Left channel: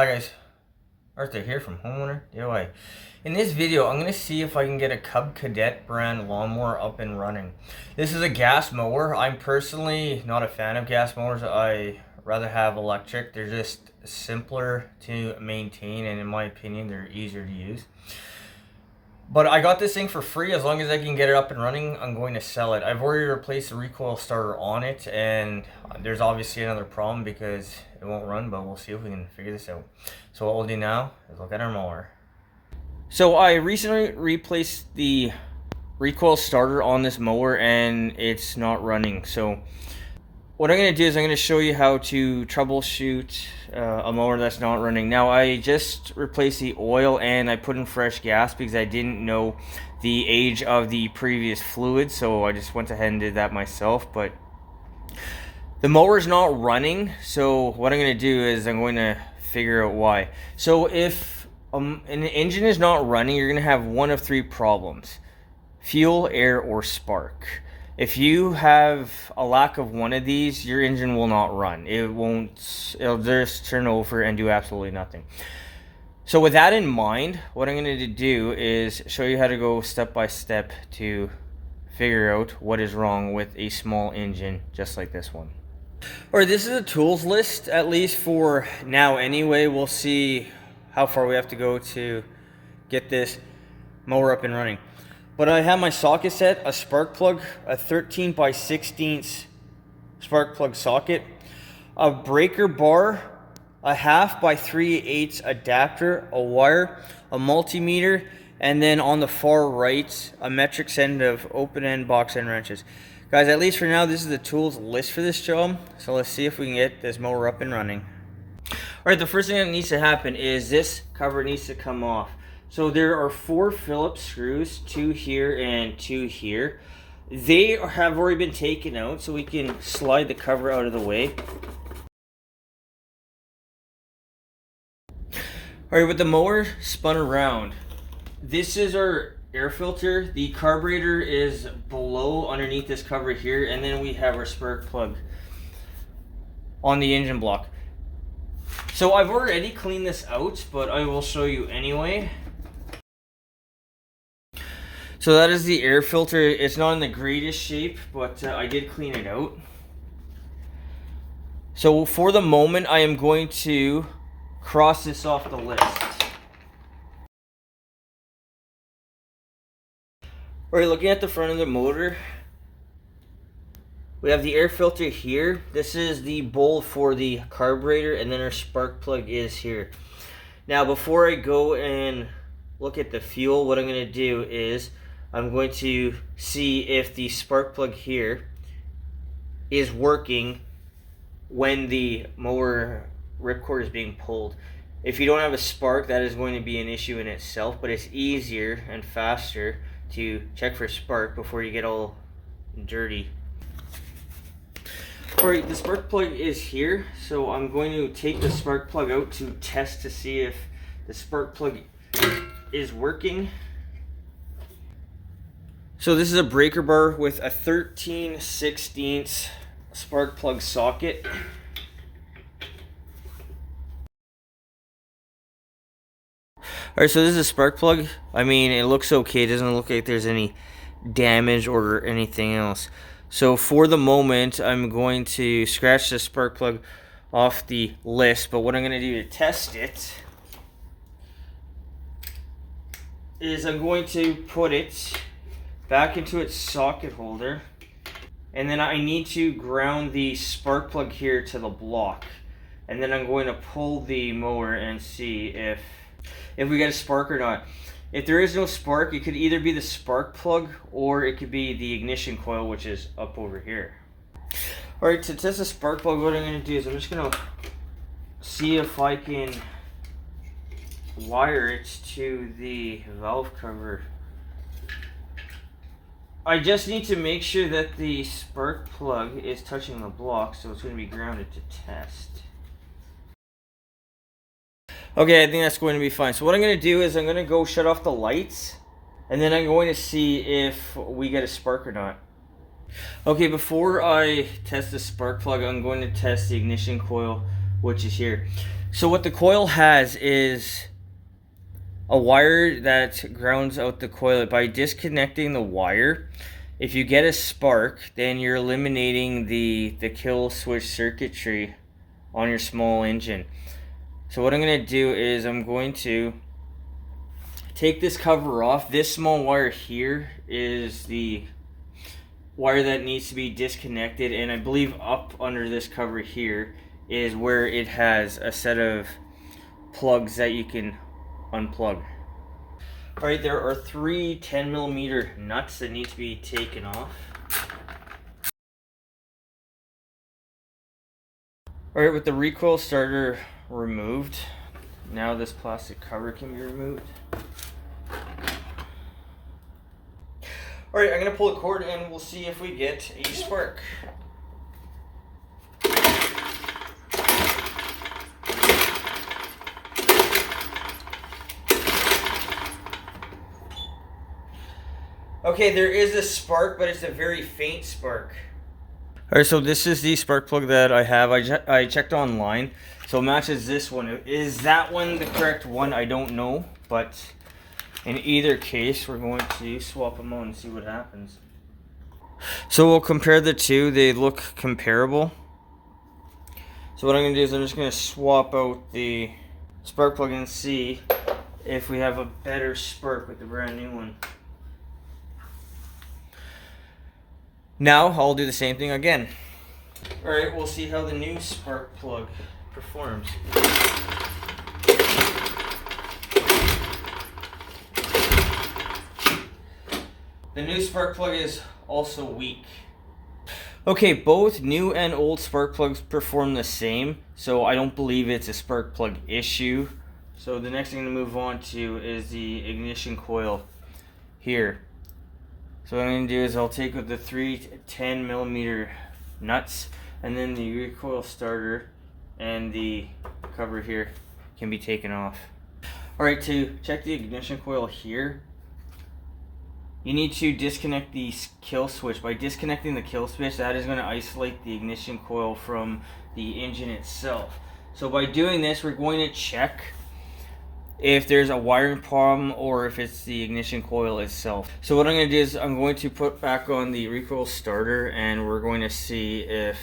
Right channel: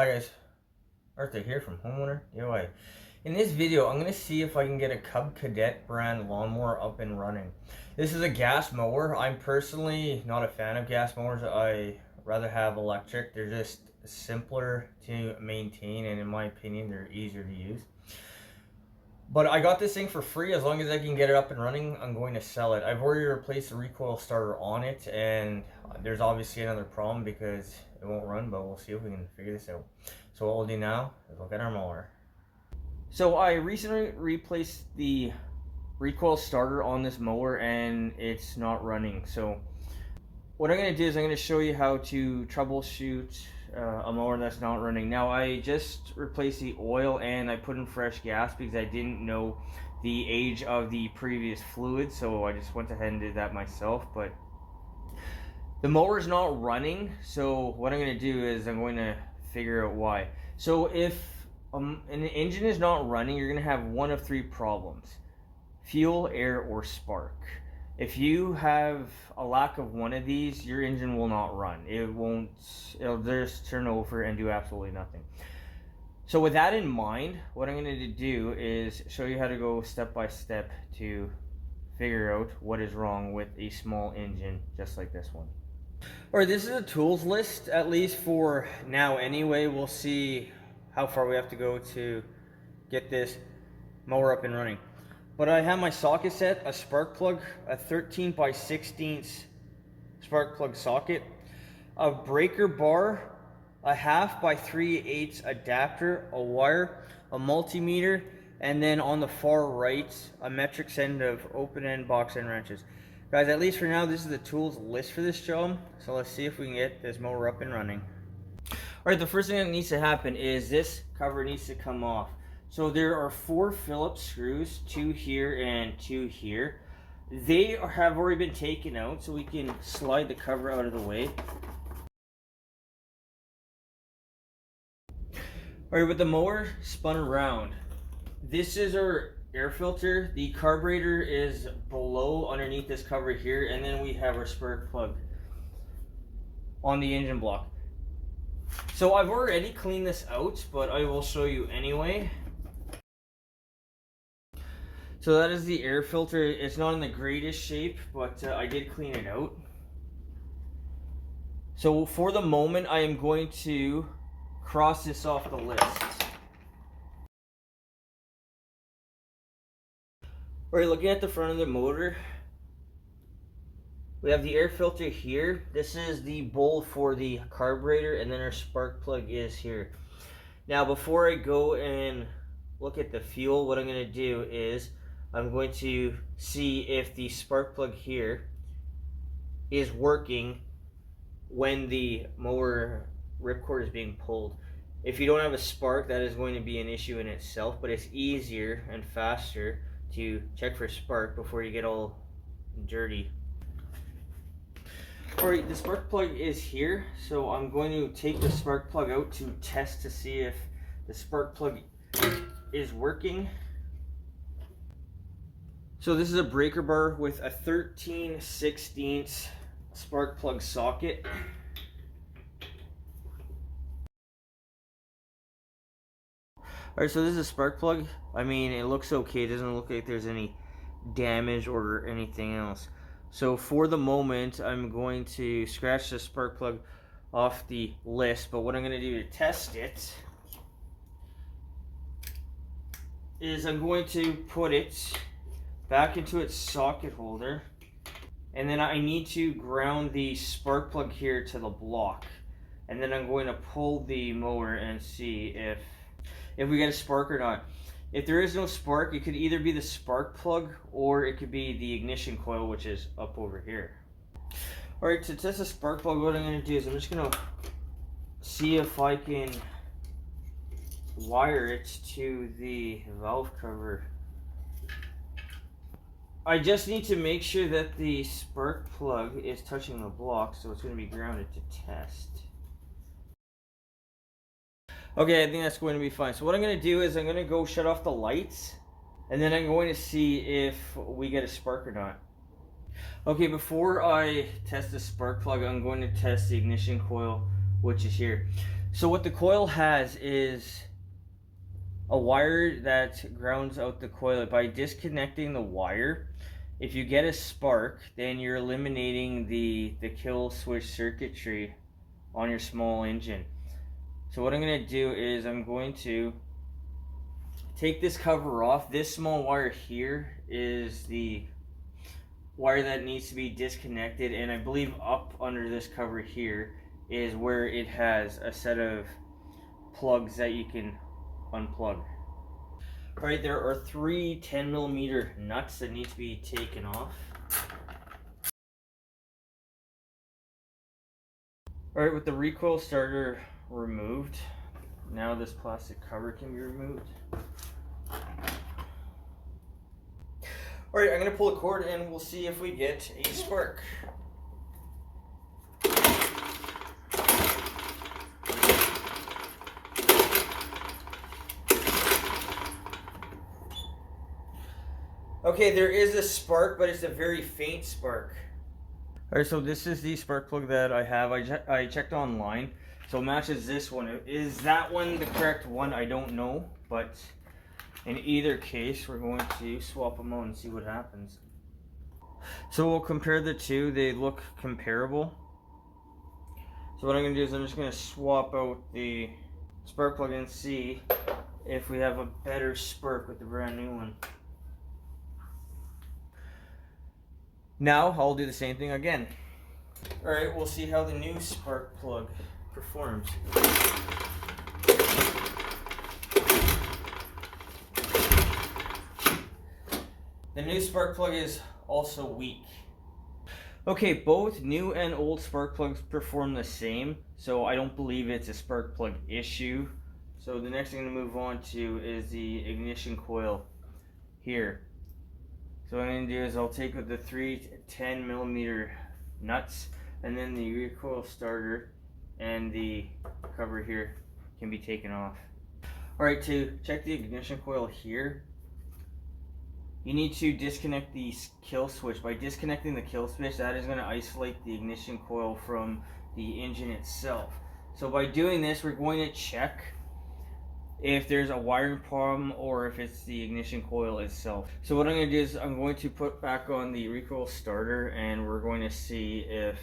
Hi guys, Arthur here from Homeowner DIY. In this video, I'm going to see if I can get a Cub Cadet brand lawnmower up and running. This is a gas mower. I'm personally not a fan of gas mowers. I rather have electric. They're just simpler to maintain, and in my opinion, they're easier to use. But I got this thing for free. As long as I can get it up and running, I'm going to sell it. I've already replaced the recoil starter on it, and there's obviously another problem because it won't run, but we'll see if we can figure this out. So what we'll do now is look at our mower. So I recently replaced the recoil starter on this mower and it's not running. So what I'm going to do is I'm going to show you how to troubleshoot a mower that's not running. Now I just replaced the oil and I put in fresh gas because I didn't know the age of the previous fluid, so I just went ahead and did that myself. But the mower is not running, so what I'm going to do is I'm going to figure out why. So if an engine is not running, you're going to have one of three problems: fuel, air, or spark. If you have a lack of one of these, your engine will not run. It'll just turn over and do absolutely nothing. So with that in mind, what I'm going to do is show you how to go step by step to figure out what is wrong with a small engine just like this one. Alright, this is a tools list, at least for now anyway. We'll see how far we have to go to get this mower up and running. But I have my socket set, a spark plug, a 13 by 16 spark plug socket, a breaker bar, a 1/2 by 3/8 adapter, a wire, a multimeter, and then on the far right, a metric end of open end box end wrenches. Guys, at least for now, this is the tools list for this job. So let's see if we can get this mower up and running. Alright, the first thing that needs to happen is this cover needs to come off. So there are 4 Phillips screws, 2 here and 2 here. They have already been taken out, so we can slide the cover out of the way. Alright, with the mower spun around, this is our air filter. The carburetor is below underneath this cover here, and then we have our spark plug on the engine block. So I've already cleaned this out, but I will show you anyway. So that is the air filter. It's not in the greatest shape, but I did clean it out. So for the moment, I am going to cross this off the list. Alright, looking at the front of the motor, we have the air filter here. This is the bowl for the carburetor, and then our spark plug is here. Now before I go and look at the fuel, what I'm going to do is I'm going to see if the spark plug here is working when the mower ripcord is being pulled. If you don't have a spark, that is going to be an issue in itself, but it's easier and faster to check for spark before you get all dirty. Alright, the spark plug is here, so I'm going to take the spark plug out to test to see if the spark plug is working. So this is a breaker bar with a 13/16 spark plug socket. Alright, so this is a spark plug. I mean, it looks okay. It doesn't look like there's any damage or anything else. So for the moment, I'm going to scratch the spark plug off the list. But what I'm going to do to test it is I'm going to put it back into its socket holder, and then I need to ground the spark plug here to the block, and then I'm going to pull the mower and see if we get a spark or not. If there is no spark, it could either be the spark plug or it could be the ignition coil, which is up over here. Alright, to test the spark plug, what I'm going to do is I'm just going to see if I can wire it to the valve cover. I just need to make sure that the spark plug is touching the block, so it's going to be grounded to test. Okay, I think that's going to be fine. So what I'm going to do is I'm going to go shut off the lights, and then I'm going to see if we get a spark or not. Okay, before I test the spark plug, I'm going to test the ignition coil, which is here. So what the coil has is a wire that grounds out the coil. By disconnecting the wire, if you get a spark, then you're eliminating the kill switch circuitry on your small engine. So what I'm going to do is I'm going to take this cover off. This small wire here is the wire that needs to be disconnected, and I believe up under this cover here is where it has a set of plugs that you can unplug. Alright, there are 3 10mm nuts that need to be taken off. Alright, with the recoil starter removed, now this plastic cover can be removed. Alright, I'm going to pull the cord and we'll see if we get a spark. Okay, there is a spark, but it's a very faint spark. Alright, so this is the spark plug that I have. I checked online, so it matches this one. Is that one the correct one? I don't know, but in either case, we're going to swap them out and see what happens. So we'll compare the two. They look comparable. So what I'm going to do is I'm just going to swap out the spark plug and see if we have a better spark with the brand new one. Now I'll do the same thing again. Alright, we'll see how the new spark plug performs. The new spark plug is also weak. Okay, both new and old spark plugs perform the same, so I don't believe it's a spark plug issue. So the next thing to move on to is the ignition coil here. So what I'm going to do is I'll take with the 3 10mm nuts, and then the recoil starter and the cover here can be taken off. Alright, to check the ignition coil here, you need to disconnect the kill switch. By disconnecting the kill switch, that is going to isolate the ignition coil from the engine itself. So by doing this, we're going to check if there's a wiring problem or if it's the ignition coil itself. So what I'm going to do is I'm going to put back on the recoil starter and we're going to see if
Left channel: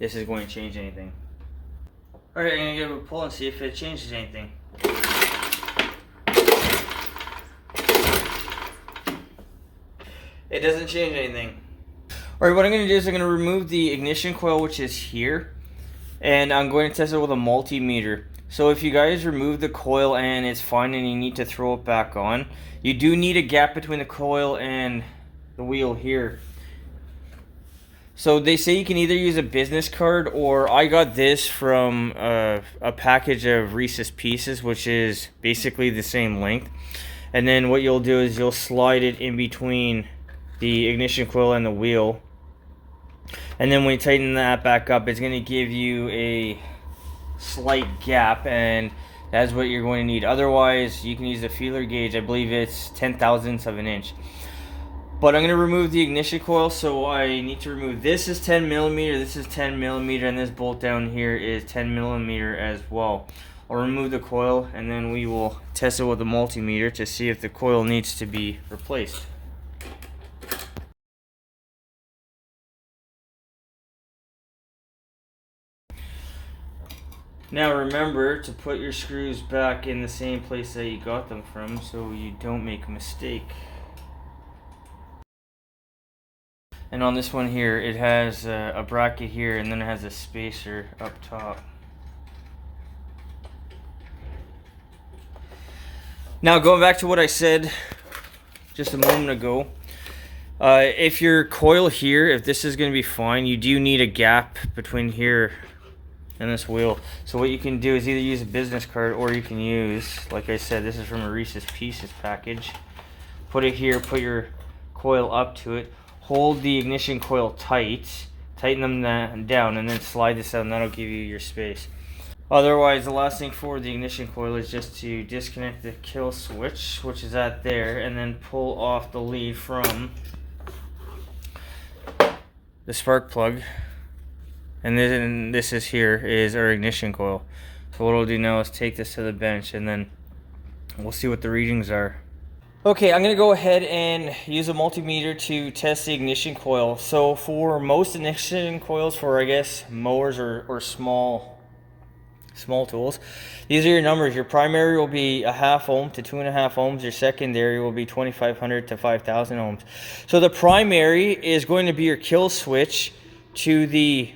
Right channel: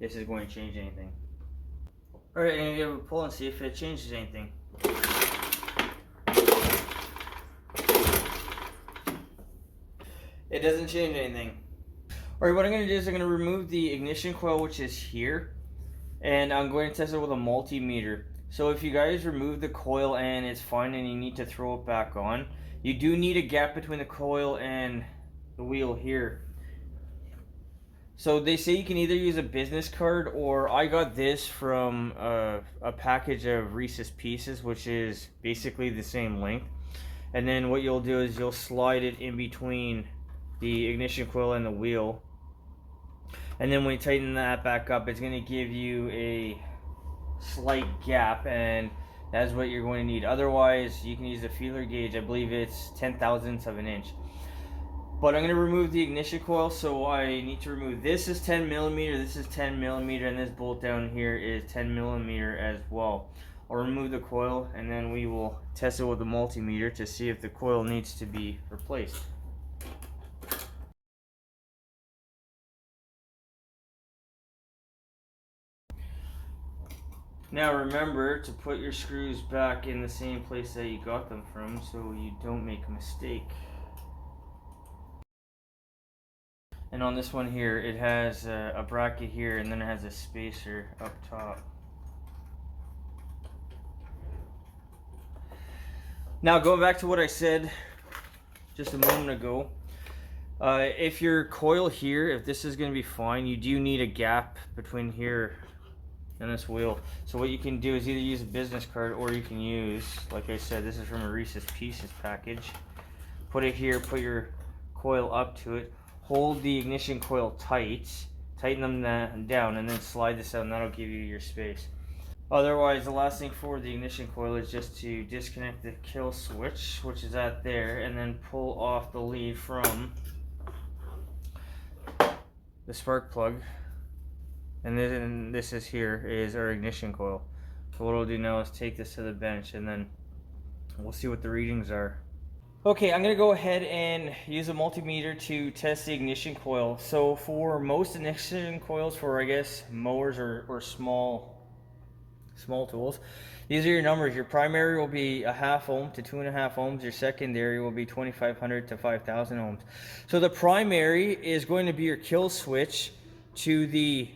this is going to change anything. Alright, I'm going to give it a pull and see if it changes anything. It doesn't change anything. Alright, what I'm going to do is I'm going to remove the ignition coil, which is here, and I'm going to test it with a multimeter. So if you guys remove the coil and it's fine and you need to throw it back on, you do need a gap between the coil and the wheel here. So they say you can either use a business card, or I got this from a package of Reese's Pieces, which is basically the same length. And then what you'll do is you'll slide it in between the ignition coil and the wheel. And then when you tighten that back up, it's going to give you a slight gap, and that's what you're going to need. Otherwise, you can use a feeler gauge. I believe it's 0.1 of an inch. But I'm going to remove the ignition coil, so I need to remove this is 10mm, this is 10mm, and this bolt down here is 10mm as well. I'll remove the coil and then we will test it with a multimeter to see if the coil needs to be replaced. Now remember to put your screws back in the same place that you got them from so you don't make a mistake. And on this one here, it has a bracket here and then it has a spacer up top. Now going back to what I said just a moment ago, if your coil here, if this is going to be fine, you do need a gap between here and this wheel. So what you can do is either use a business card, or you can use, like I said, this is from a Reese's Pieces package. Put it here, put your coil up to it, hold the ignition coil tight, tighten them down, and then slide this out, and that'll give you your space. Otherwise, the last thing for the ignition coil is just to disconnect the kill switch, which is at there, and then pull off the lead from the spark plug. And this is here is our ignition coil. So what we'll do now is take this to the bench and then we'll see what the readings are. Okay, I'm gonna go ahead and use a multimeter to test the ignition coil. So for most ignition coils for, I guess, mowers or small tools, these are your numbers. Your primary will be a 0.5 ohm to 2.5 ohms. Your secondary will be 2,500 to 5,000 ohms. So the primary is going to be your kill switch to the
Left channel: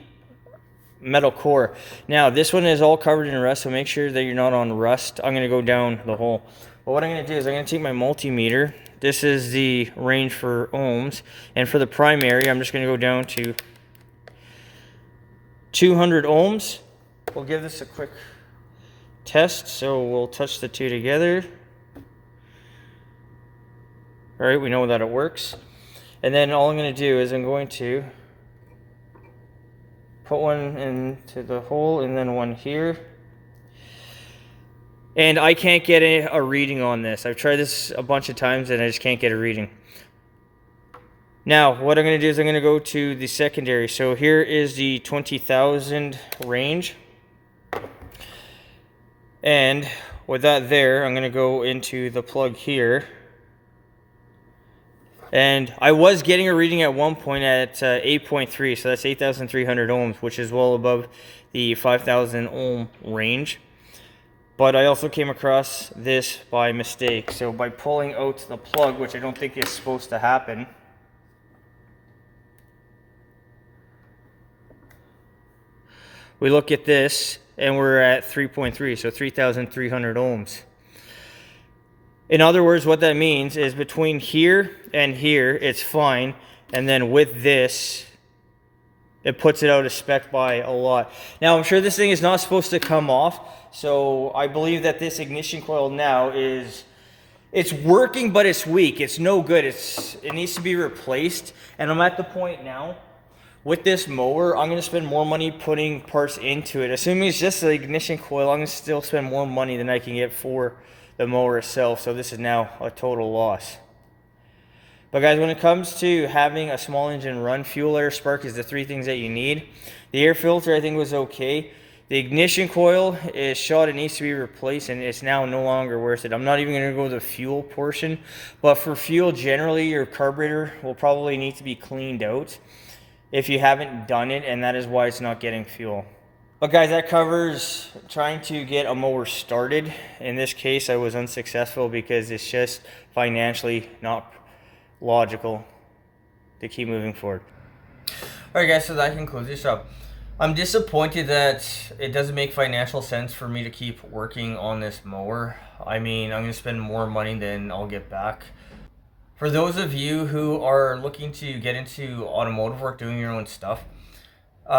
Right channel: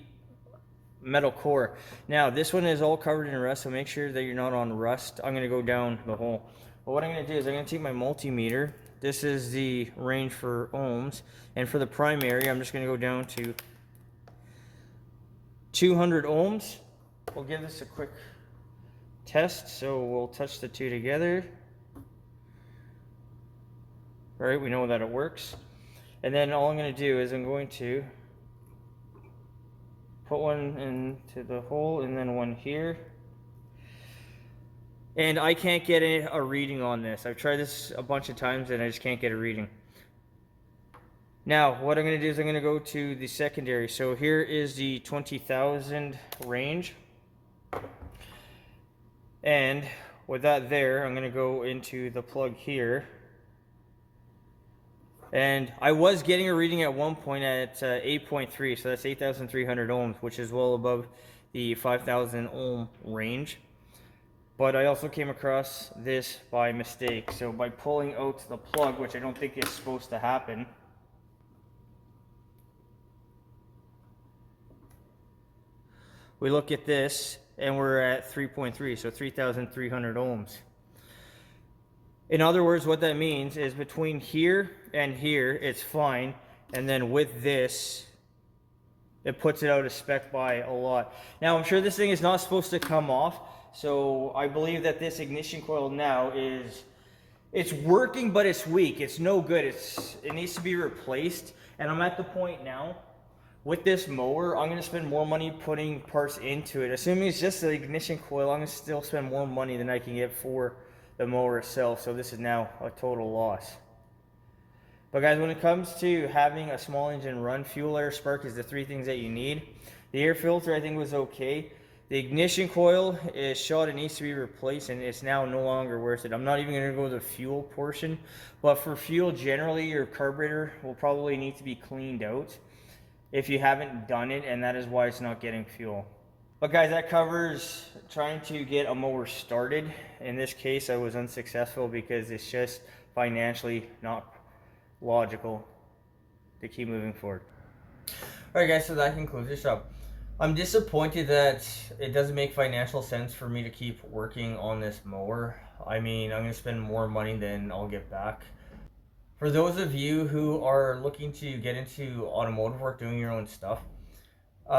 metal core. Now this one is all covered in rust, so make sure that you're not on rust. I'm going to go down the hole. But what I'm going to do is I'm going to take my multimeter. This is the range for ohms, and for the primary I'm just going to go down to 200 ohms. We'll give this a quick test, so we'll touch the two together. All right, we know that it works. And then all I'm going to do is I'm going to put one into the hole and then one here. And I can't get a reading on this. I've tried this a bunch of times and I just can't get a reading. Now, what I'm going to do is I'm going to go to the secondary. So here is the 20,000 range. And with that there, I'm going to go into the plug here. And I was getting a reading at one point at 8.3, so that's 8,300 ohms, which is well above the 5,000 ohm range. But I also came across this by mistake. So by pulling out the plug, which I don't think is supposed to happen, we look at this and we're at 3.3, so 3,300 ohms. In other words, what that means is between here and here, it's fine. And then with this, it puts it out of spec by a lot. Now, I'm sure this thing is not supposed to come off. So I believe that this ignition coil now it's working, but it's weak. It's no good. It needs to be replaced. And I'm at the point now with this mower, I'm going to spend more money putting parts into it. Assuming it's just the ignition coil, I'm going to still spend more money than I can get for the mower itself. So this is now a total loss. But guys, when it comes to having a small engine run, fuel, air, spark is the three things that you need. The air filter I think was okay. The ignition coil is shot, it needs to be replaced, and it's now no longer worth it. I'm not even going to go to the fuel portion, but for fuel generally your carburetor will probably need to be cleaned out if you haven't done it, and that is why it's not getting fuel. But guys, that covers trying to get a mower started. In this case I was unsuccessful because it's just financially not logical to keep moving forward. Alright guys, so that concludes this job. I'm disappointed that it doesn't make financial sense for me to keep working on this mower. I mean, I'm going to spend more money than I'll get back. For those of you who are looking to get into automotive work, doing your own stuff,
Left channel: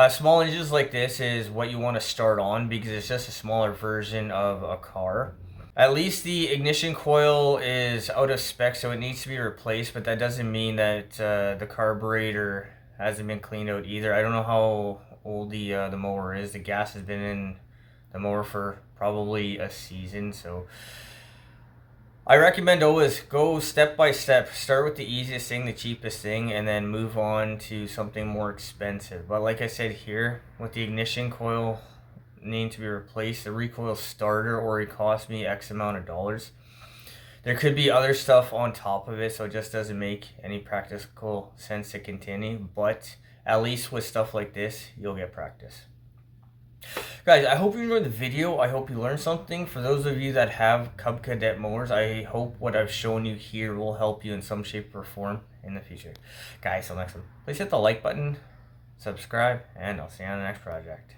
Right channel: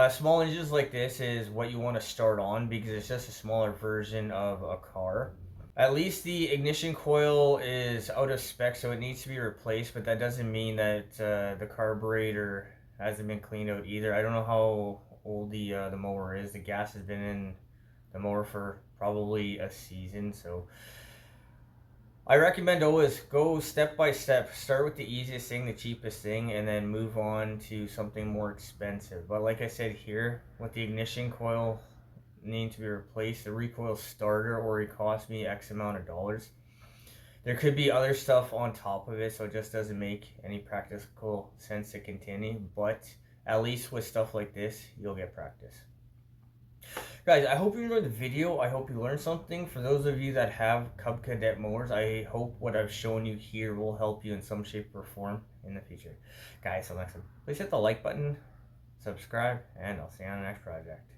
small engines like this is what you want to start on because it's just a smaller version of a car. At least the ignition coil is out of spec, so it needs to be replaced, but that doesn't mean that the carburetor hasn't been cleaned out either. I don't know how old the mower is. The gas has been in the mower for probably a season, so I recommend always go step by step. Start with the easiest thing, the cheapest thing, and then move on to something more expensive. But like I said here, with the ignition coil needing to be replaced, the recoil starter already cost me X amount of dollars. There could be other stuff on top of it, so it just doesn't make any practical sense to continue, but at least with stuff like this, you'll get practice. Guys, I hope you enjoyed the video. I hope you learned something. For those of you that have Cub Cadet mowers, I hope what I've shown you here will help you in some shape or form in the future. Guys, till next time, please hit the like button, subscribe, and I'll see you on the next project.